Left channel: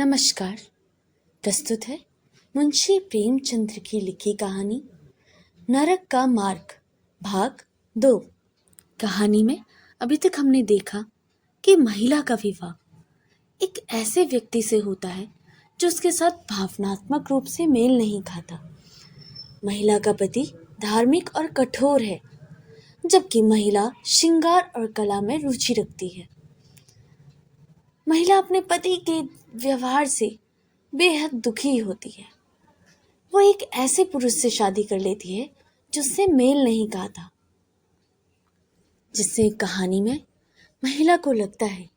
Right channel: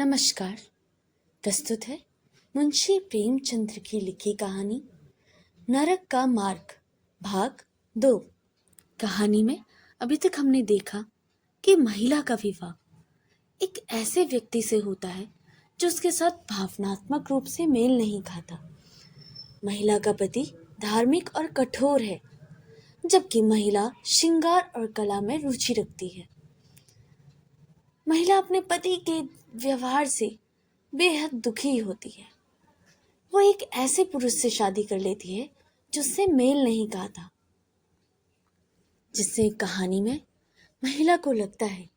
नमस्कार। प्रस्तुत है मुंशी प्रेमचंद्र की लिखी कहानी नरक का मार्ग भाग 2। कहानी में अभी तक हमने देखा कि महिला का विवाह एक ऐसे व्यक्ति से होता है जो उसके साथ भावनात्मक रूप से मेल नहीं खाता। महिला का पति धार्मिक और कठोर है, जबकि महिला श्रृंगार और कला में रुचि रखती है। महिला अपने पति के व्यवहार से बेहद दुखी होती है। वो एक ऐसे पुरुष से शादी कर लेती है जिससे मेल नहीं खाता, जिससे कहानी में महिला को लगता है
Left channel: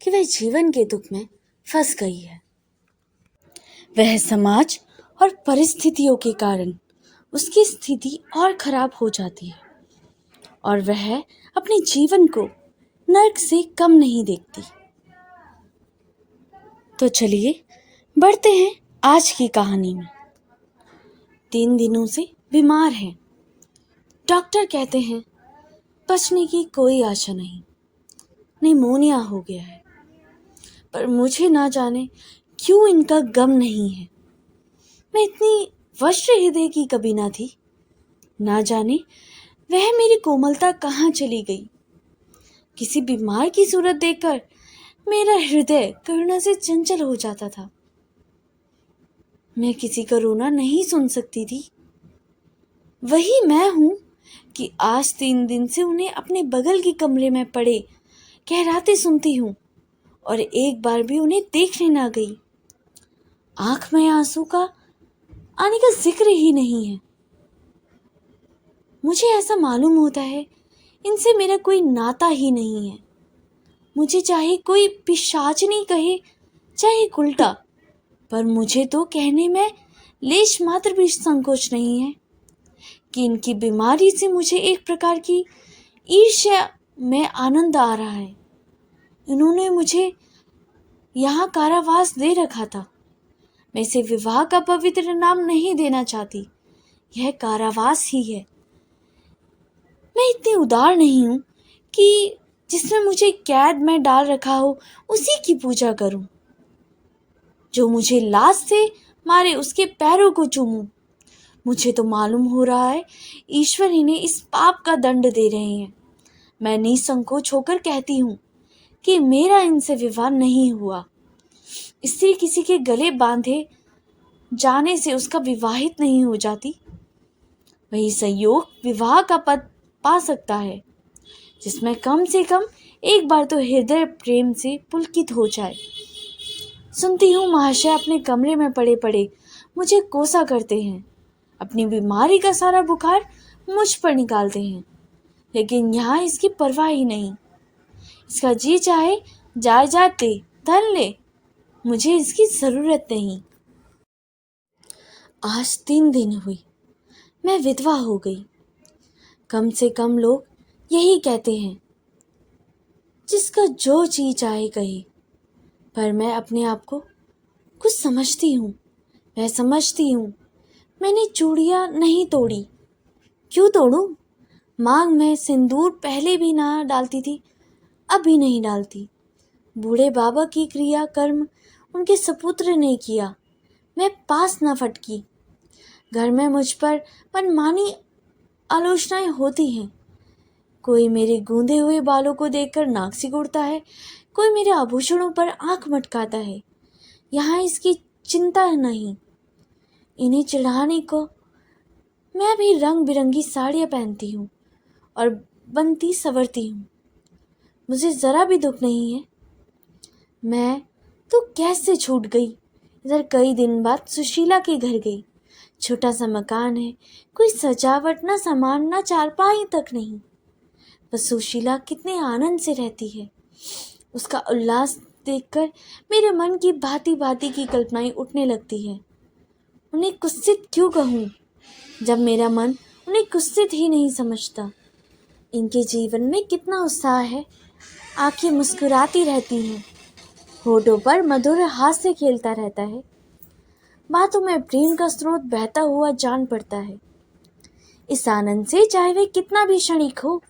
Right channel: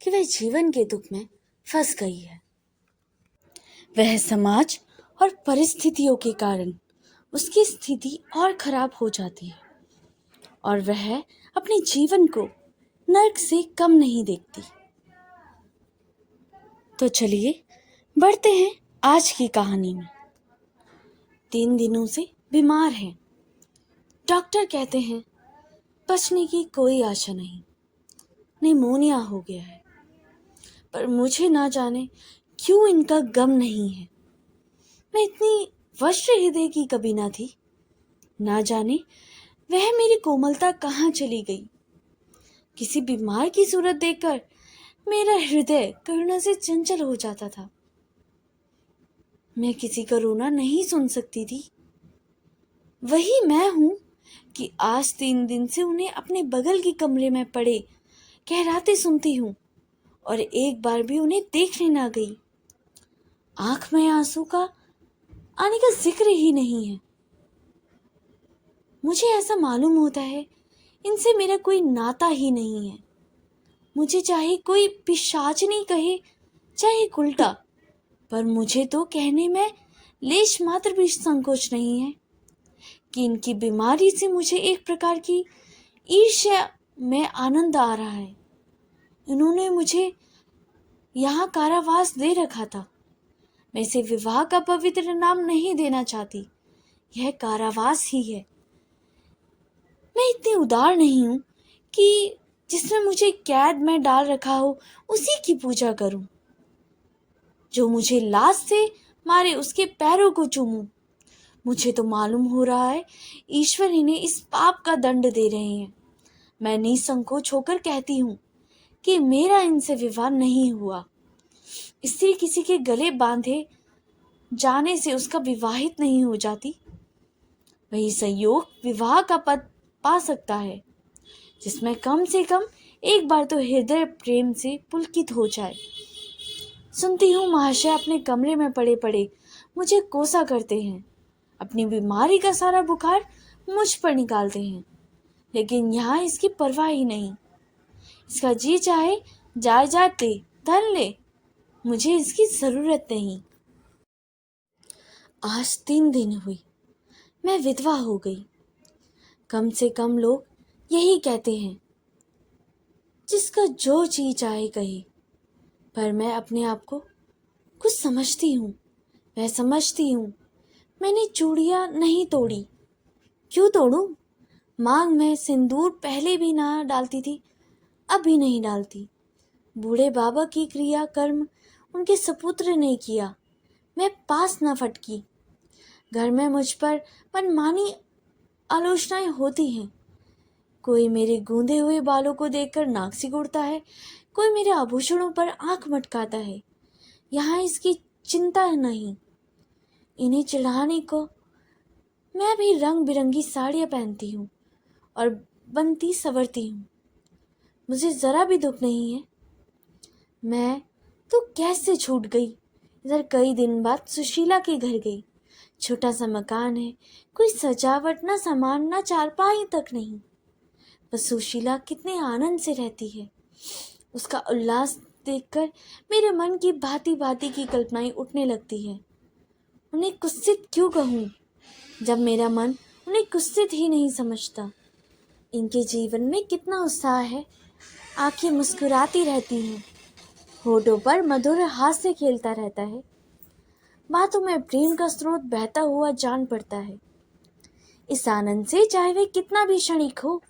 कि वह जीवन के दुख में फंस गई है। वह समाज और परिस्थितियों के कारण उसकी स्थिति और खराब हो जाती है और वह अपने जीवन को नर्क से कम नहीं देखती। तो चलिए बढ़ते हैं आज की कहानी में। 3 दिनों से बीमार है। डॉक्टर कहते हैं बचने की कोई आशा नहीं, निमोनिया हो गया है। पर मुझे ना जाने क्यों इनका गम नहीं है। मैं इतनी वज्र हृदय की कभी ना थी। ना जाने वह मेरी कोमलता कहाँ चली गई। किसी बीमार की सूरत देखकर मेरा हृदय करुणा से चंचल हो जाता था। मैं किसी का रोना नहीं सुन सकती थी। वही मैं हूं कि आज 3 दिन से उन्हें अपने बगल के कमरे में पड़े कहराते सुनती हूं और एक बार भी उन्हें देखने ना गई। आंख में आंसू का आने का जिक्र ही नहीं है। मुझे ऐसा मालूम होता है इनसे मेरा कोई नाता ही नहीं है। मुझे चाहे कोई पिशाचनी कहे चाहे उल्टा, पर मुझे तो कहने में लेश मात्र भी संकोच नहीं है कि इनकी बीमारी से मुझे एक प्रकार की ईर्ष्या में आनंद आ रहा है। इन्होंने मुझे यहाँ कारावास दे रखा था। मैं इसे विवाह का पवित्र नाम नहीं देना चाहती, यह कारावास ही है। मैं इतनी उदार नहीं हूँ कि जिसमें मुझे कैद में डाल रखा हो उसी की पूजा करूं। जो मुझे लाज से मारे उसके पैरों को चूमूं। मुझे तो मालूम हो रहा है ईश्वर इन्हें इस पाप का दंड दे रहे हैं। मैं निसंकोच होकर कहती हूँ कि मेरा इनसे विवाह नहीं हुआ। स्त्री किसी के गले बांधे जाने से उसका विवाहित नहीं हो जाती। वही संयोग विवाह का पद पा सकता है जिसमें कम से कम एक बार तो हृदय प्रेम से पुलकित हो जाए। सुनती हूँ महाशय अपने कमरे में पड़े पड़े मुझे कोसा करते हैं, अपनी बीमारी का सारा बुखार मुझ पर निकालते हैं, लेकिन यहाँ इसकी परवाह ही नहीं। इसका जी चाहे जायदाद दे, धन ले, मुझे इसकी जरूरत नहीं। आज 3 दिन हुई मैं विधवा हो गई। कम से कम लोग यही कहते हैं, जिसका जो जी चाहे कहे। पर मैं अपने आप को कुछ समझती हूँ। मैं समझती हूँ मैंने चूड़ियाँ नहीं तोड़ी। क्यों तोड़ूं? मांग में सिंदूर पहले भी ना डालती थी, अब भी नहीं डालती। बूढ़े बाबा की क्रिया कर्म उनके सपुत्र ने किया, मैं पास न फटकी। घर में मुझ पर मनमानी आलोचनाएं होती हैं। कोई मेरे गूंदे हुए बालों को देखकर नाक सिकुड़ता है, कोई मेरे आभूषणों पर आंख मटकाता है। यहाँ इसकी चिंता नहीं। इन्हें चढ़ाने को मैं भी रंग बिरंगी साड़ियाँ पहनती हूँ और बनती संवरती हूँ। मुझे जरा भी दुख नहीं है। मैं तो कैसे छूट गई। इधर कई दिन बाद सुशीला के घर गई। छोटा सा मकान है, कोई सजावट ना सामान ना चारपाई तक नहीं। बस सुशीला कितने आनंद से रहती है। उसका उल्लास देखकर मेरे मन की भांति भांति की कल्पनाएं उठने लगती हैं। उन्हें कुत्सित क्यों कहूँ, जब मेरा मन उन्हें कुत्सित ही नहीं समझता। इनके जीवन में कितना उत्साह है। आंखें मुस्कुराती रहती हैं, होठों पर मधुर हास्य खेलता रहता है। बातों में प्रेम का स्रोत बहता हुआ जान पड़ता है। इस आनंद से चाहे वे कितना भी क्षणिक हो,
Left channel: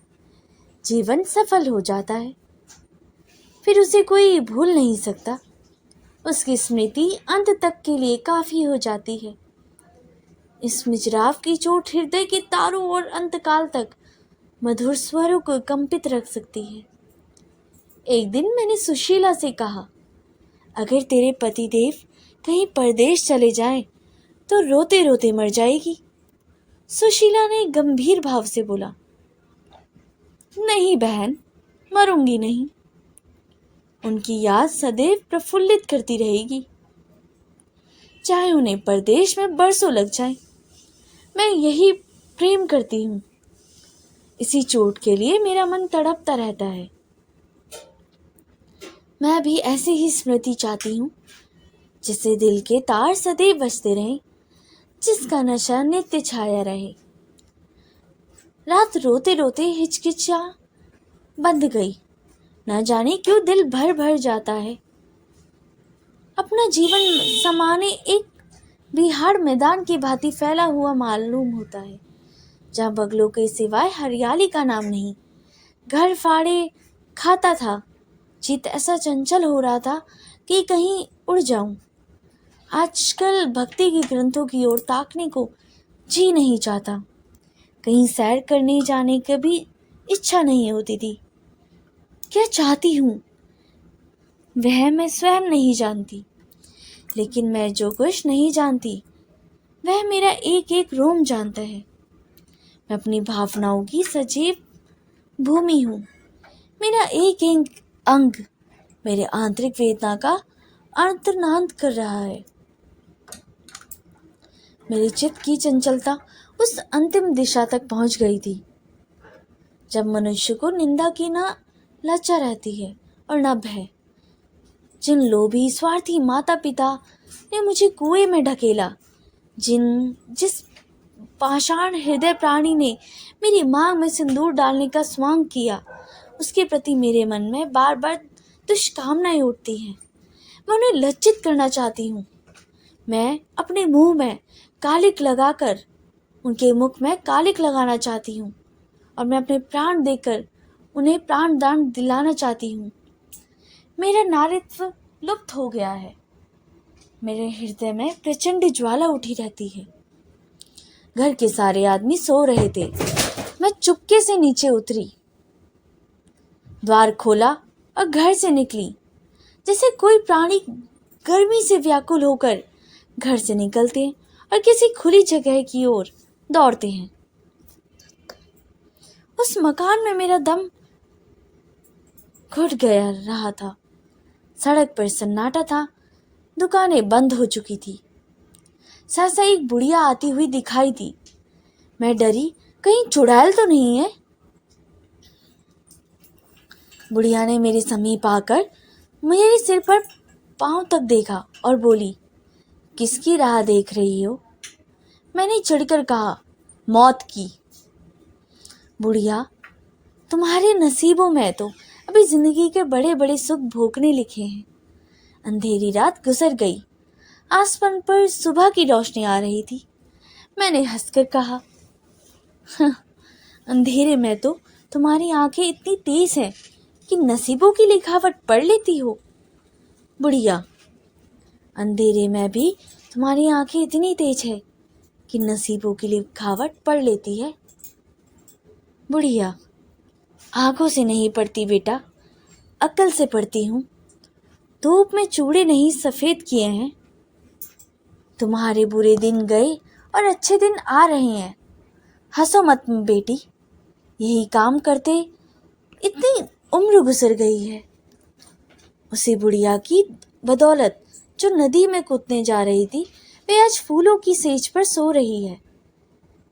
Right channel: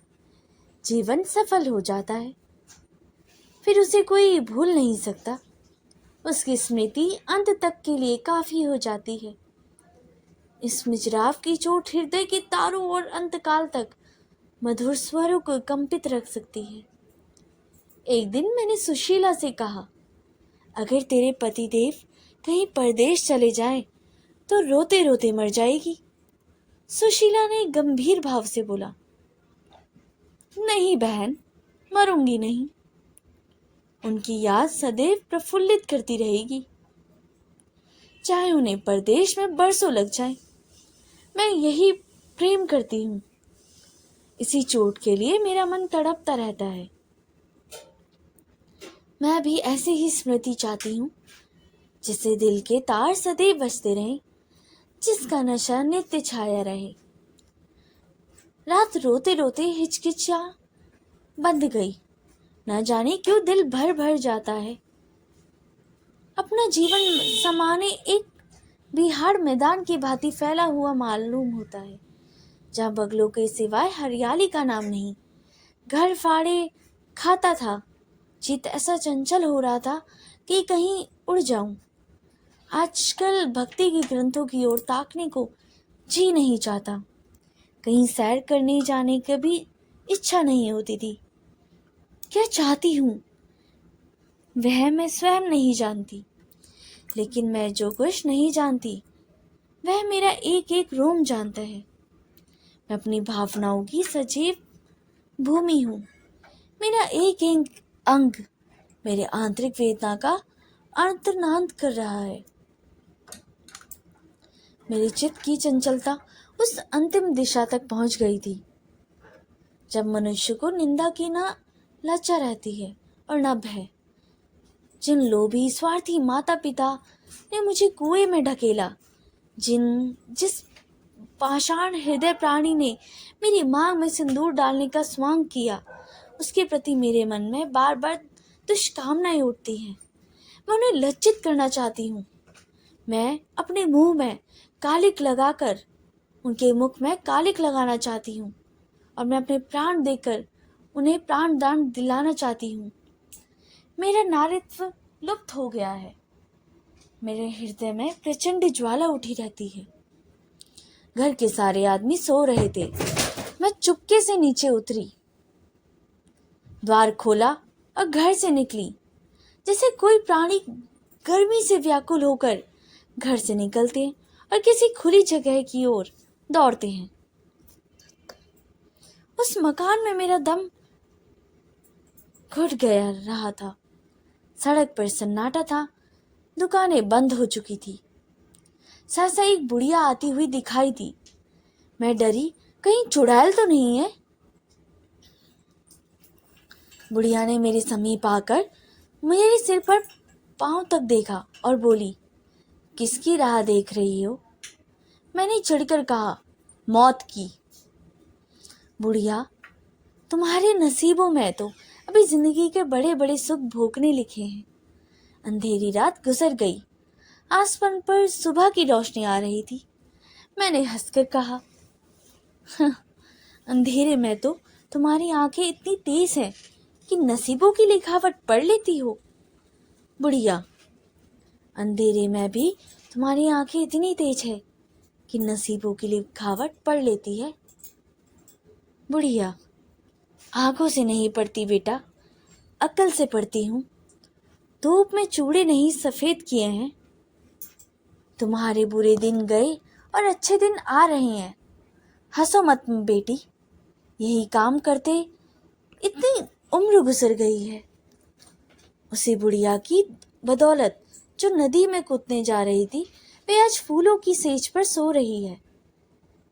जीवन सफल हो जाता है। फिर उसे कोई भूल नहीं सकता। उसकी स्मृति अंत तक के लिए काफी हो जाती है। इस मिजराव की चोट हृदय के तारों और अंतकाल तक मधुर स्वरों को कंपित रख सकती है। एक दिन मैंने सुशीला से कहा, अगर तेरे पतिदेव कहीं परदेश चले जाएं, तो रोते रोते मर जाएगी। सुशीला ने गंभीर भाव से बोला, नहीं बहन, मरूंगी नहीं। उनकी याद सदैव प्रफुल्लित करती रहेगी, चाहे उन्हें परदेश में बरसों लग जाए। मैं यही प्रेम करती हूँ। इसी चोट के लिए मेरा मन तड़पता रहता है। मैं भी ऐसी ही स्मृति चाहती हूँ, जिससे दिल के तार सदैव बजते रहें, जिसका नशा नित्य छाया रहे। रात रोते रोते हिचकिचा बंध गई। न जाने क्यों दिल भर भर जाता है। अपना जीवन समाने एक बिहार मैदान की भांति फैला हुआ मालूम होता है, जहाँ बगलों के सिवाय हरियाली का नाम नहीं। घर फाड़े खाता था। चित ऐसा चंचल हो रहा था कि कहीं उड़ जाऊं। आजकल भक्ति के ग्रंथों की ओर ताकने को जी नहीं चाहता। कहीं सैर करने जाने की भी इच्छा नहीं होती थी। क्या चाहती हूँ वह मैं स्वयं नहीं जानती, लेकिन मैं जो कुछ नहीं जानती वह मेरा एक एक रोम जानता है। मैं अपनी भावनाओं की सजीव भूमि हूँ। मेरा एक एक अंग मेरे आंतरिक वेदना का अंतर्नाद कर रहा है। मेरे चित्त की चंचलता उस अंतिम दिशा तक पहुंच गई थी, जब मनुष्य को निंदा की न लज्जा रहती है और न भय। जिन लोभी स्वार्थी माता पिता ने मुझे कुएं में ढकेला, जिस पाषाण हृदय प्राणी ने मेरी मांग में सिंदूर डालने का स्वांग किया, उसके प्रति मेरे मन में बार बार दुष्कामनाएं उठती हैं। मैं उन्हें लज्जित करना चाहती हूँ। मैं अपने मुंह में कालिक लगाकर उनके मुख में कालिक लगाना चाहती हूँ, और मैं अपने प्राण देकर उन्हें प्राण दान दिलाना चाहती हूँ। मेरा नारीत्व लुप्त हो गया है। मेरे हृदय में प्रचंड ज्वाला उठी रहती है। घर के सारे आदमी सो रहे थे। मैं चुपके से नीचे उतरी, द्वार खोला और घर से निकली। जैसे कोई प्राणी गर्मी से व्याकुल होकर घर से निकलते हैं और किसी खुली जगह की ओर दौड़ते हैं। उस मकान में मेरा दम घुट गया रहा था। सड़क पर सन्नाटा था। दुकानें बंद हो चुकी थी। सहसा एक बुढ़िया आती हुई दिखाई दी। मैं डरी, कहीं चुड़ैल तो नहीं है। बुढ़िया ने मेरे समीप आकर मेरे सिर पर पांव तक देखा और बोली, किसकी राह देख रही हो? मैंने चिढ़कर कहा, मौत की। बुढ़िया, तुम्हारे नसीबों में तो अभी जिंदगी के बड़े बड़े सुख भोगने लिखे हैं। अंधेरी रात गुजर गई। आसमान पर सुबह की रोशनी आ रही थी। मैंने हंसकर कहा, अंधेरे में तो तुम्हारी आंखें इतनी तेज हैं कि नसीबों की लिखावट पढ़ लेती हो। बुढ़िया, अंधेरे में भी तुम्हारी आंखें इतनी तेज है कि नसीबों की लिखावट पढ़ लेती है। बुढ़िया, आंखों से नहीं पढ़ती बेटा, अक्ल से पढ़ती हूँ। धूप में चूड़े नहीं सफेद किए हैं। तुम्हारे बुरे दिन गए और अच्छे दिन आ रहे हैं। हंसो मत बेटी, यही काम करते इतनी उम्र गुजर गई है। उसी बुढ़िया की बदौलत जो नदी में कूदने जा रही थी, वे आज फूलों की सेज पर सो रही है।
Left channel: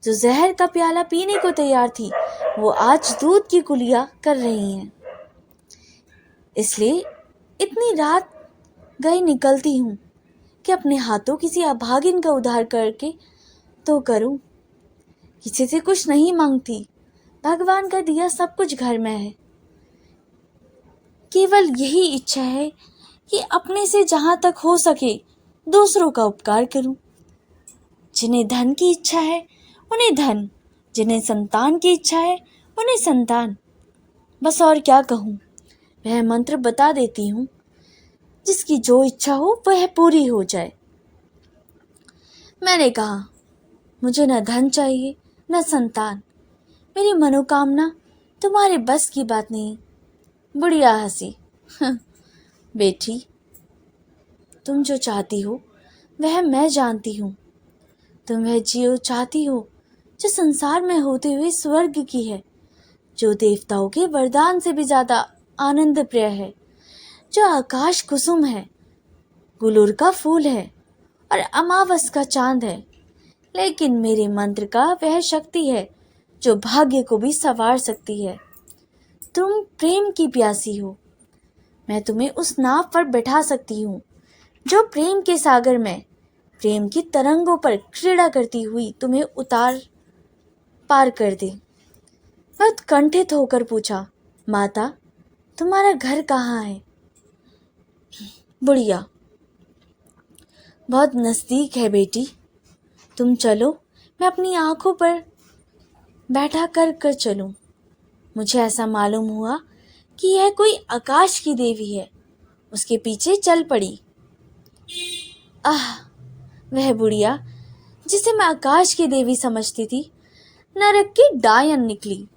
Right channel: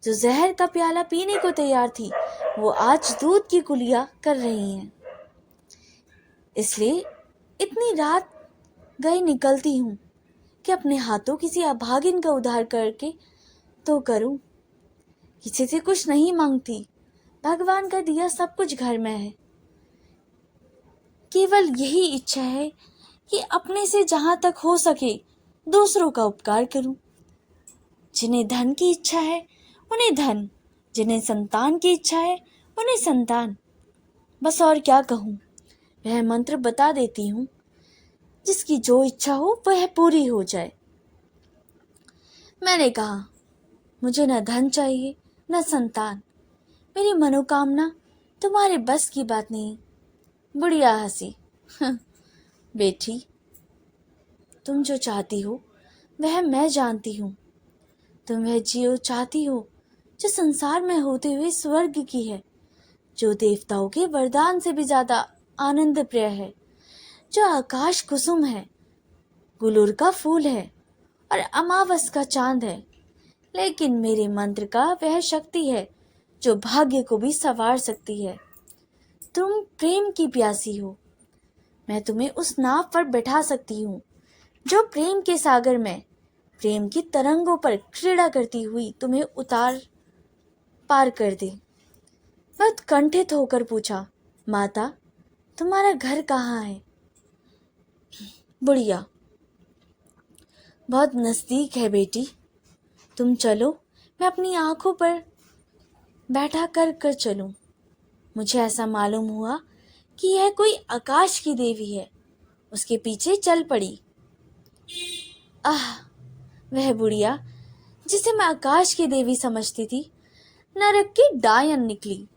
जो जहर का प्याला पीने को तैयार थी, वो आज दूध की कुलिया कर रही हैं। इसलिए इतनी रात गई निकलती हूँ कि अपने हाथों किसी अभागिन का उद्धार करके तो करूं। किसी से कुछ नहीं मांगती। भगवान का दिया सब कुछ घर में है। केवल यही इच्छा है कि अपने से जहां तक हो सके दूसरों का उपकार करूं। जिन्हें धन की इच्छा है उन्हें धन, जिन्हें संतान की इच्छा है उन्हें संतान। बस और क्या कहूं। वह मंत्र बता देती हूँ जिसकी जो इच्छा हो वह पूरी हो जाए। मैंने कहा, मुझे न धन चाहिए न संतान, मेरी मनोकामना तुम्हारे बस की बात नहीं। बुढ़िया हंसी। बेटी, तुम जो चाहती हो वह मैं जानती हूँ। तुम वह जियो चाहती हो जो संसार में होते हुए स्वर्ग की है, जो देवताओं के वरदान से भी ज्यादा आनंद प्रिय है, जो आकाश कुसुम है, गुलूर का फूल है और अमावस का चांद है। लेकिन मेरे मंत्र का वह शक्ति है जो भाग्य को भी संवार सकती है। तुम प्रेम की प्यासी हो। मैं तुम्हें उस नाव पर बैठा सकती हूँ जो प्रेम के सागर में प्रेम की तरंगों पर क्रीड़ा करती हुई तुम्हें पार कर दे। मैं उत्कंठित होकर पूछा, माता, तुम्हारा घर कहाँ है? बुढ़िया, बहुत नजदीक है बेटी, तुम चलो, मैं अपनी आंखों पर बैठा कर चलूं। मुझे ऐसा मालूम हुआ कि यह कोई आकाश की देवी है। उसके पीछे चल पड़ी। आह, वह बुढ़िया जिसे मैं आकाश की देवी समझती थी, नरक की डायन निकली।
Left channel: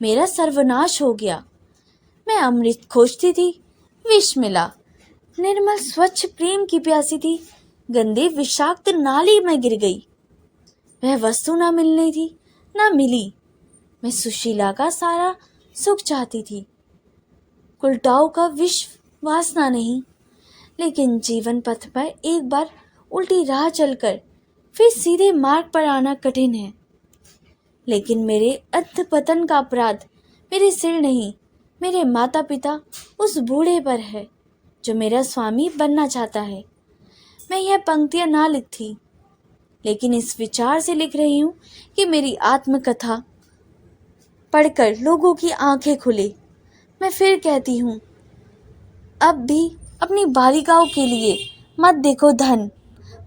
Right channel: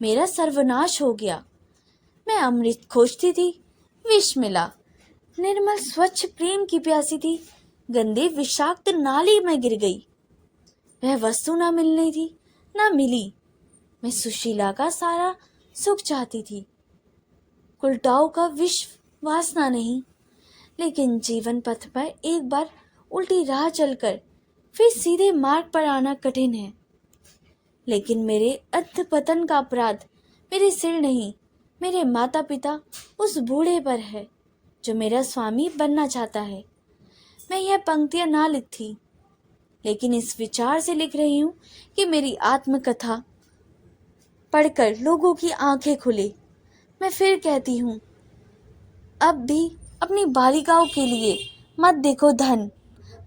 मेरा सर्वनाश हो गया। मैं अमृत खोजती थी, विष मिला। निर्मल स्वच्छ प्रेम की प्यासी थी, गंदे विषाक्त नाली में गिर गई। वह वस्तु न मिलनी थी, न मिली। मैं सुशीला का सारा सुख चाहती थी, उल्टाओं का विष वासना नहीं। लेकिन जीवन पथ पर एक बार उल्टी राह चलकर फिर सीधे मार्ग पर आना कठिन है। लेकिन मेरे अधपतन का अपराध मेरे सिर नहीं, मेरे माता पिता उस बूढ़े पर है जो मेरा स्वामी बनना चाहता है। मैं यह पंक्तियां ना लिखती, लेकिन इस विचार से लिख रही हूँ कि मेरी आत्मकथा पढ़कर लोगों की आंखें खुले। मैं फिर कहती हूँ, अब भी अपनी बालिकाओं के लिए मत देखो धन,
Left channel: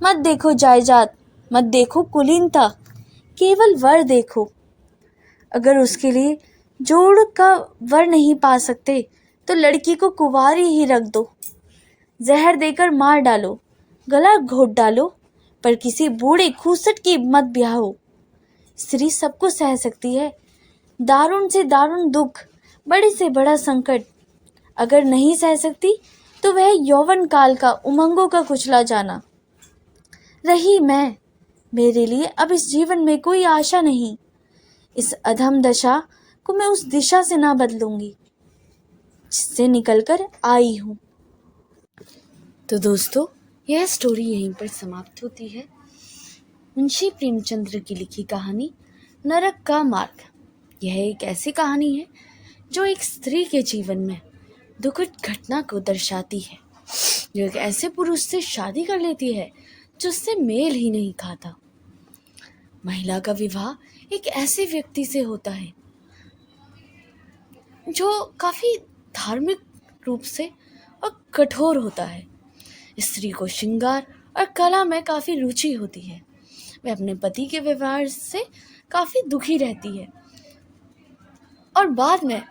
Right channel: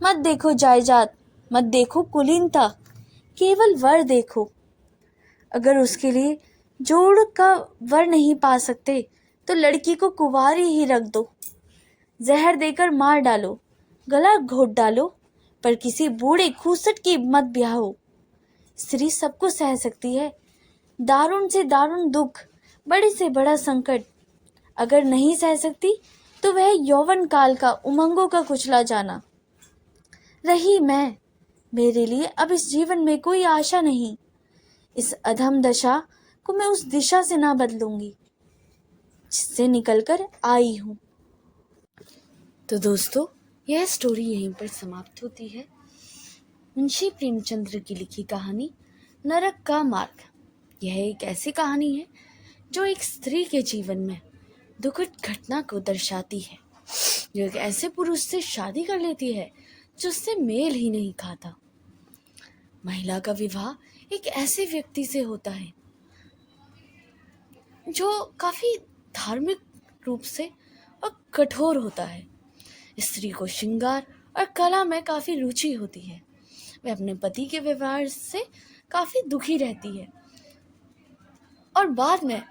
मत देखो जायदाद, मत देखो कुलीनता, केवल वर देखो। अगर उसके लिए जोड़ का वर नहीं पा सकते तो लड़की को कुंवारी ही रख दो। जहर देकर मार डालो, गला घोट डालो, पर किसी बूढ़े खूसट की मत ब्याहो। स्त्री सबको सह सकती है, दारुण से दारुण दुख, बड़े से बड़ा संकट। अगर नहीं सह सकती तो वह यौवन काल का उमंगों का कुचला जाना। रही मैं, मेरे लिए अब इस जीवन में कोई आशा नहीं। इस अधम दशा को मैं उस दिशा से ना बदलूंगी जिससे निकलकर आई हूँ। तो दोस्तों, यह स्टोरी यहीं पर समाप्त होती है। मुंशी प्रेमचंद्र की लिखी कहानी नरक का मार्ग। यह एक ऐसी कहानी है जो एक स्त्री के जीवन में दुखद घटना को दर्शाती है, जो एक ऐसे पुरुष से शादी कर लेती है जो उससे मेल ही नहीं खाता। महिला का विवाह एक ऐसे व्यक्ति से होता है जो काफी धार्मिक रूप से और कठोर होता है। स्त्री को श्रृंगार और कला में काफी रुचि होती है। वह अपने पति के व्यवहार से काफी दुखी रहती है और बाद में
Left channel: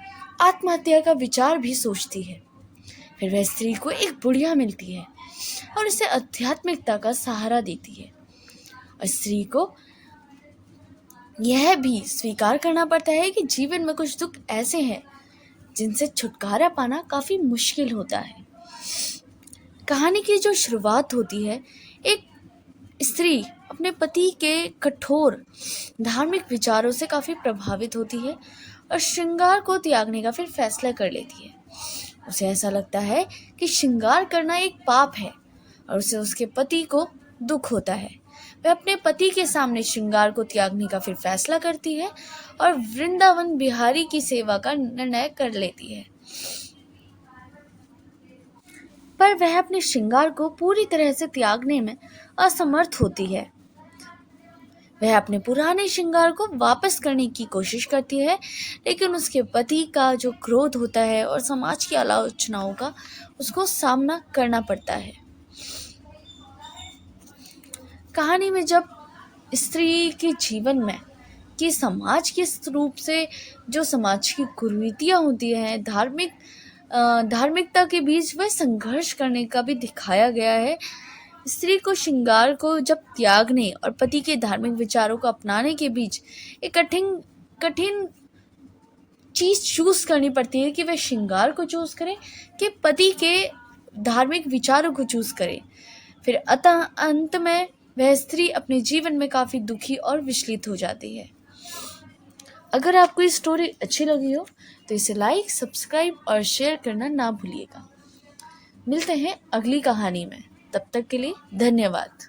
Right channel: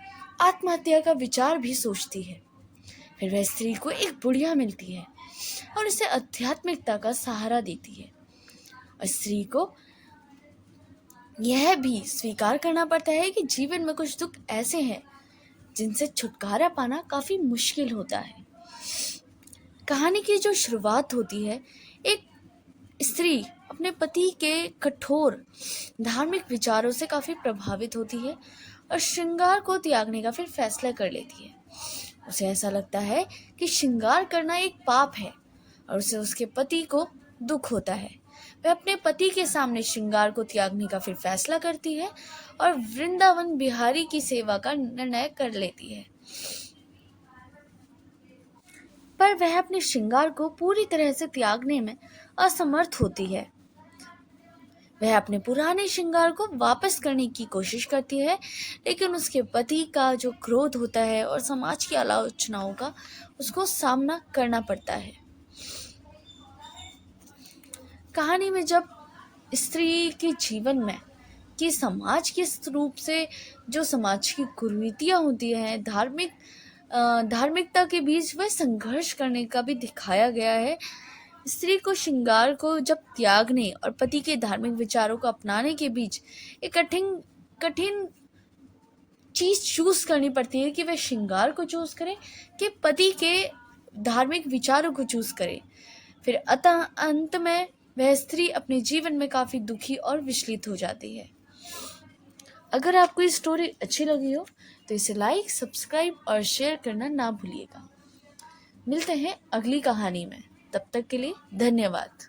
आत्महत्या का विचार भी सोचती है। फिर वह स्त्री को एक बुढ़िया मिलती है और उसे आध्यात्मिकता का सहारा देती है। और स्त्री को यह भी स्वीकार करना पड़ता है कि जीवन में कुछ दुख ऐसे हैं जिनसे छुटकारा पाना काफी मुश्किल होता है। कहानी की जो शुरुआत होती है, एक स्त्री अपने पति के कठोर धार्मिक विचारों से काफी प्रभावित होती है और श्रृंगार को त्यागने का फिर फैसला कर लेती है। उसे ऐसा लगता है कि श्रृंगार करना एक पाप है और उसे उसके पति को दुख होता है। वह अपने पति के सामने श्रृंगार को त्यागने का फिर फैसला करती है और वृंदावन बिहारी की सेवा का निर्णय कर लेती है। पर वह अपने श्रृंगार को पूरी तरह से त्यागने में असमर्थ होती है। वह अपने पुराने श्रृंगार को वापस करने की कोशिश करती है, लेकिन उसके पति का जो क्रोध होता है और समाज की आलोचनाओं का उसको सामना करना पड़ता है। कहानी में जब स्त्री के जीवन में कि समाज के रूप से जो समाज की कुरीतियां होती हैं, धार्मिक धार्मिकता के बीच वह संघर्ष करने का भी दिखाया गया है। स्त्री को श्रृंगार को जब त्यागने और पति के धार्मिक विचारों को अपनाने के बीच एक कठिन कठिन चीज चूज करनी पड़ती है कि वह श्रृंगार को चूज करे कि पति के धार्मिक विचारों को चूज करे। फिर अतः अंत में वह स्त्री अपने जीवन में काफी दुखी और विचलित हो जाती है। अगर आपको ये स्टोरी अच्छी लगी हो तो इसे लाइक, सब्सक्राइब और शेयर करना ना भूलिएगा। मिलते हैं अगली कहानी में, तब तक के लिए धन्यवाद।